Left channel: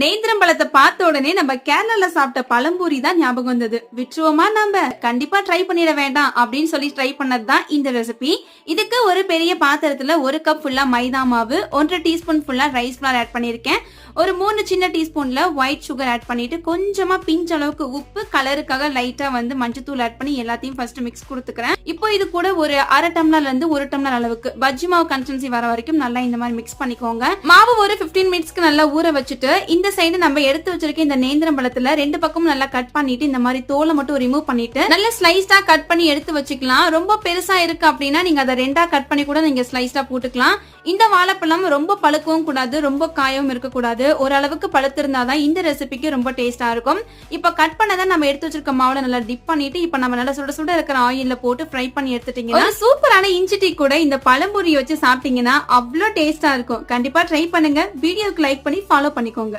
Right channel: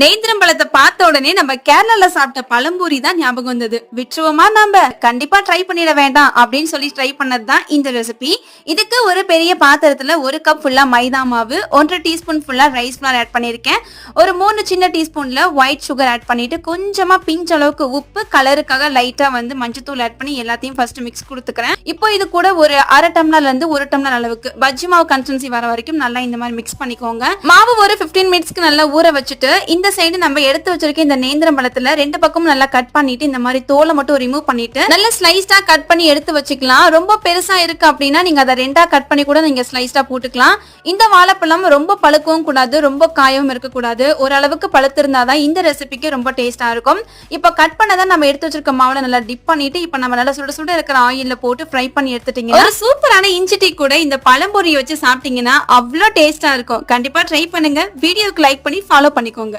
நேந்திரம் பழத்தை பார்த்த உடனே நம்ம கேரளால சாப்பிட்ட பழம்பூரி தான் ஞாபகம் வந்தது. விட்டுருவோமா? நம்ம கண்டிப்பா ட்ரை பண்ணிட வேண்டாம் அப்படின்னு சொல்லி ட்ரை பண்ணதுதான் இந்த ரெசிபி. இதுக்கு ஒரு பெரிய பாத்திரத்துல 1 கப் ஃபுல்லா மைதா மாவு, 1 டீஸ்பூன் ஃபுல்லா ரைஸ் ஃபிளார் ஆட் பண்ணிருக்கேன். ஒரு 3 சின்ன டீஸ்பூன்ல ஒயிட் சுகர் ஆட் பண்ணிட்டு கொஞ்சமா பிஞ்ச் அளவுக்கு உப்பு, கலருக்காக லைட்டா மஞ்சத்தூள் ஆட் பண்ணி எல்லாத்தையும் ஃபர்ஸ்ட் மிக்ஸ் கொடுத்துக்கிறேன். இப்போ இது கூட ஒரு 1/2 டம்ளர்ல இருந்து 1 டம்ளர் அளவுக்கு பஜ்ஜி மாவு கன்சிஸ்டன்சி வர வரைக்கும் நல்லா இந்த மாதிரி மிக்ஸ் பண்ணிக்கோங்க. மாவு ஒரு 15 மினிட்ஸ்க்கு நல்லா ஊற வச்சுட்டு இந்த சைடு நம்ம எடுத்து வச்சிருக்க இந்த நேந்திரம் பழத்துல 2 பக்கமும் நல்லா கட் பண்ணிட்டு இந்த மாதிரி தோலை மட்டும் ரிமூவ் பண்ணிட்டு நல்லா ஸ்லைஸ்டா கட் பண்ணி எடுத்து வச்சுக்கலாம். ரொம்ப பெருசா இருக்கு அப்படின்னா நீங்க அதை 2ஆ கட் பண்ணி கூட நீங்க ஸ்லைஸ்டா போட்டுக்கலாம். இந்த வாழைப்பழம் ரொம்ப பழுக்கவும் கூடாது, ரொம்ப காயவும் இருக்கக்கூடாது. ஓரளவுக்கு பழுத்து இருந்தாதான் இந்த ரெசிபிக்கு ரொம்ப டேஸ்டா இருக்கும். இப்ப கட் பண்ணதை நம்ம எடுத்து வச்சிருக்க மாவுல நல்லா டிப் பண்ணிட்டு இப்ப நம்ம நல்லா சுட சுட இருக்கிற ஆயில்ல போட்டு ஃப்ரை பண்ணி எடுத்துட்டீங்க. ஒரு சூப்பரான இஞ்சி டீ கூட இந்த பழம்பொரியை வச்சு சாப்பிட்டீங்கன்னா அவ்வளவு டேஸ்டா இருக்கும். கண்டிப்பா ட்ரை பண்ணுங்க. வீடியோக்கு லைக் பண்ணி ஃபாலோ பண்ணிக்கோங்க.